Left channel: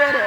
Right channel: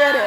பேர்